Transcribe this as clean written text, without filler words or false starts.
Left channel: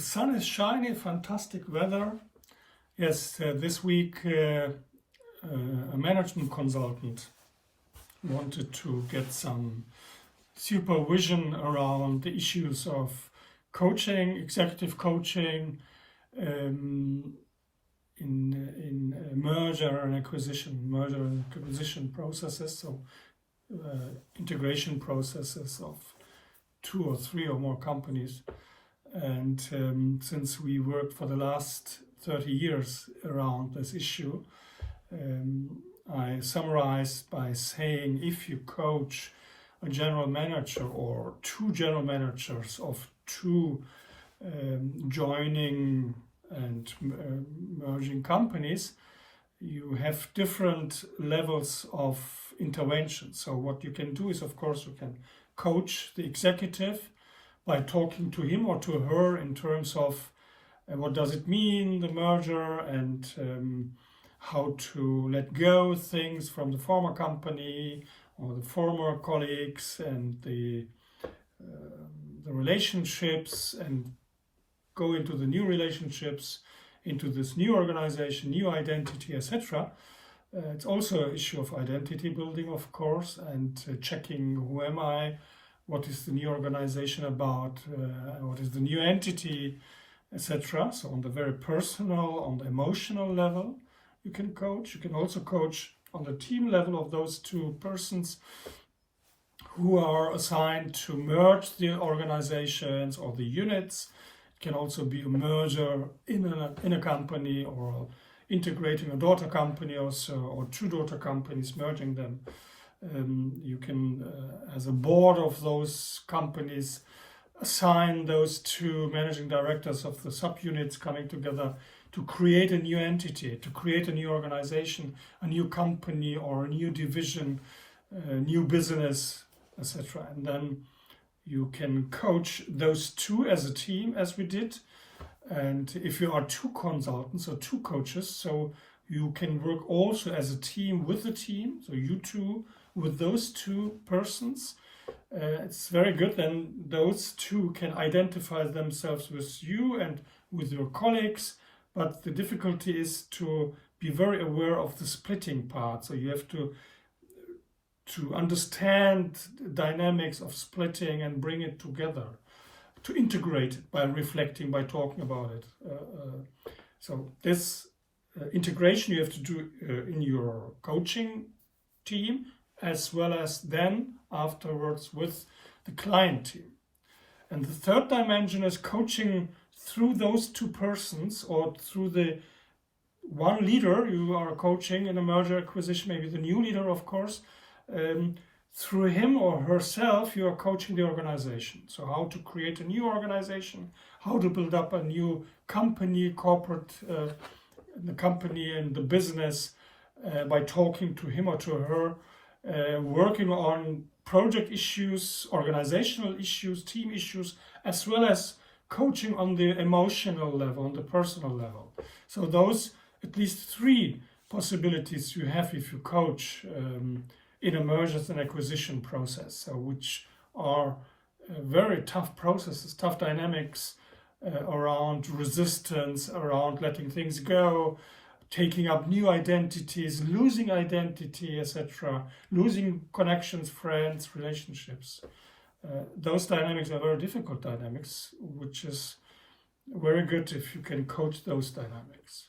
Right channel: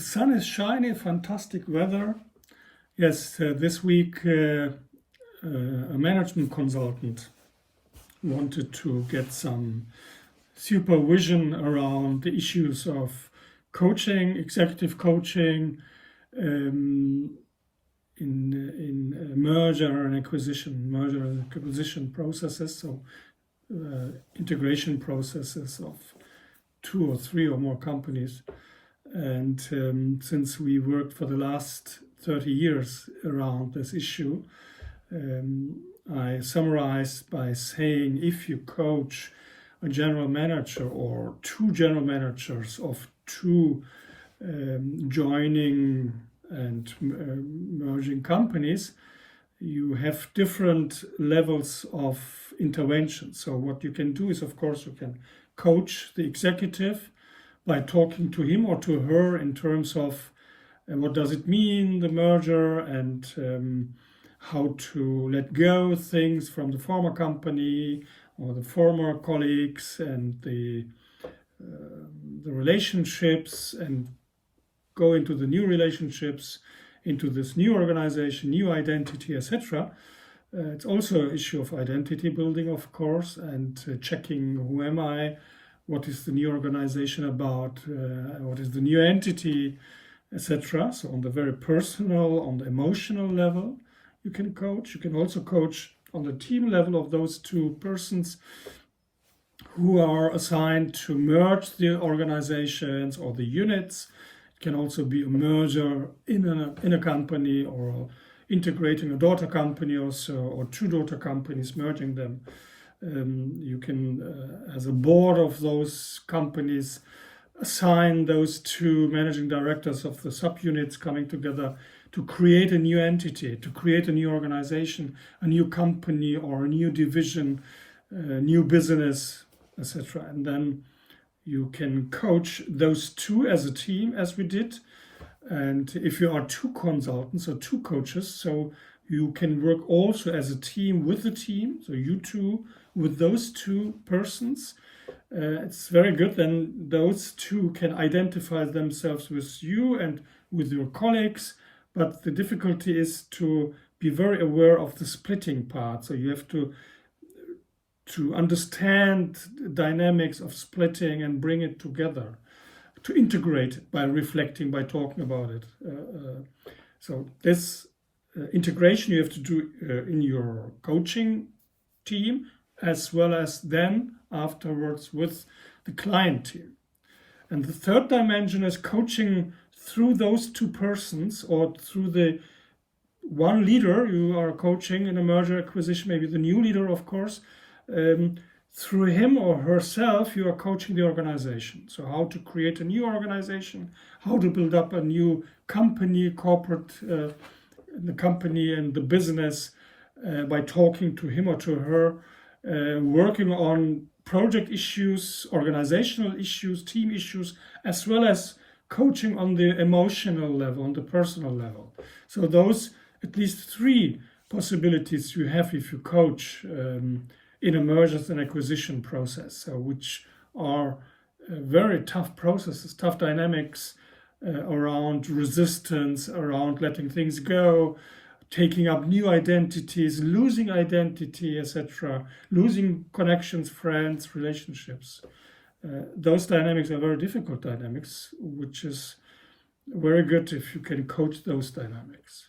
sun is shining, fantastic weather. Yes, this week a management consultant wanted to get some supervision around the issues of coaching, executive coaching, in merger and acquisition processes, so integration processes of 2 or 3 or more companies. And since we worked for the last 30 years around this issue, I summarize by saying if you coach a general manager or 2 general managers of 2 joining and merging companies, you have different levels of intervention. So what you can do is, of course, you can coach the executive by talking to him or to her in terms of what does it mean, the merger, and how to let go things from the former company or the former colleagues and the relationships, and go into the new relationships, into this new organization, new identity, etc. It's also an issue of identity building, of course, and checking who am I, what is the new organization about, what is the new entity, etc. So on the very personal, on the emotional level, you can coach. You can also coach on the team level of those 2 persons who are assigned to merge the organizations or the units. It can also be a merger in a company, or integrating a daughter company also, or 2 daughter companies, merging them. You can, as a board of those companies, assign those 2 managing directors of the subunits coming together to create a new entity, to create a new organization, a new company or a new division, new business, etc. And then you can coach those 2 as a team, as we did. And if you are 2 consultants or 2 coaches, so you can work also as a team with the team, so you 2 with those 2 persons. It's very good. Then those 2 can identify themselves with you and with your colleagues. But the difficulty is to be very aware of the splitting part. So you have to understand the dynamics of splitting and bring it together, to integrate it by reflecting, by talking about it. So this integration you have to do in your coaching team, as well as then afterwards with the client team. And the third dimension is coaching through those 2 persons, or through the one leader you are coaching in a merger acquisition, maybe the new leader, of course. Through him or herself, you are coaching the organization. So how to create a new organization, how to build up a new company, corporate, the company and the business, by talking to him or to her, working on project issues, organizational issues, team issues, as well as coaching on the emotional level, on the personal level. So those at least 3 possibilities you have if you coach in a mergers and acquisition process, which are very tough processes, tough dynamics around resistance, around letting things go, taking up new identities, losing identity, etc., losing connections, friends, relationships. Those dynamics are very difficult dynamics, which is very good if you can coach those dynamics.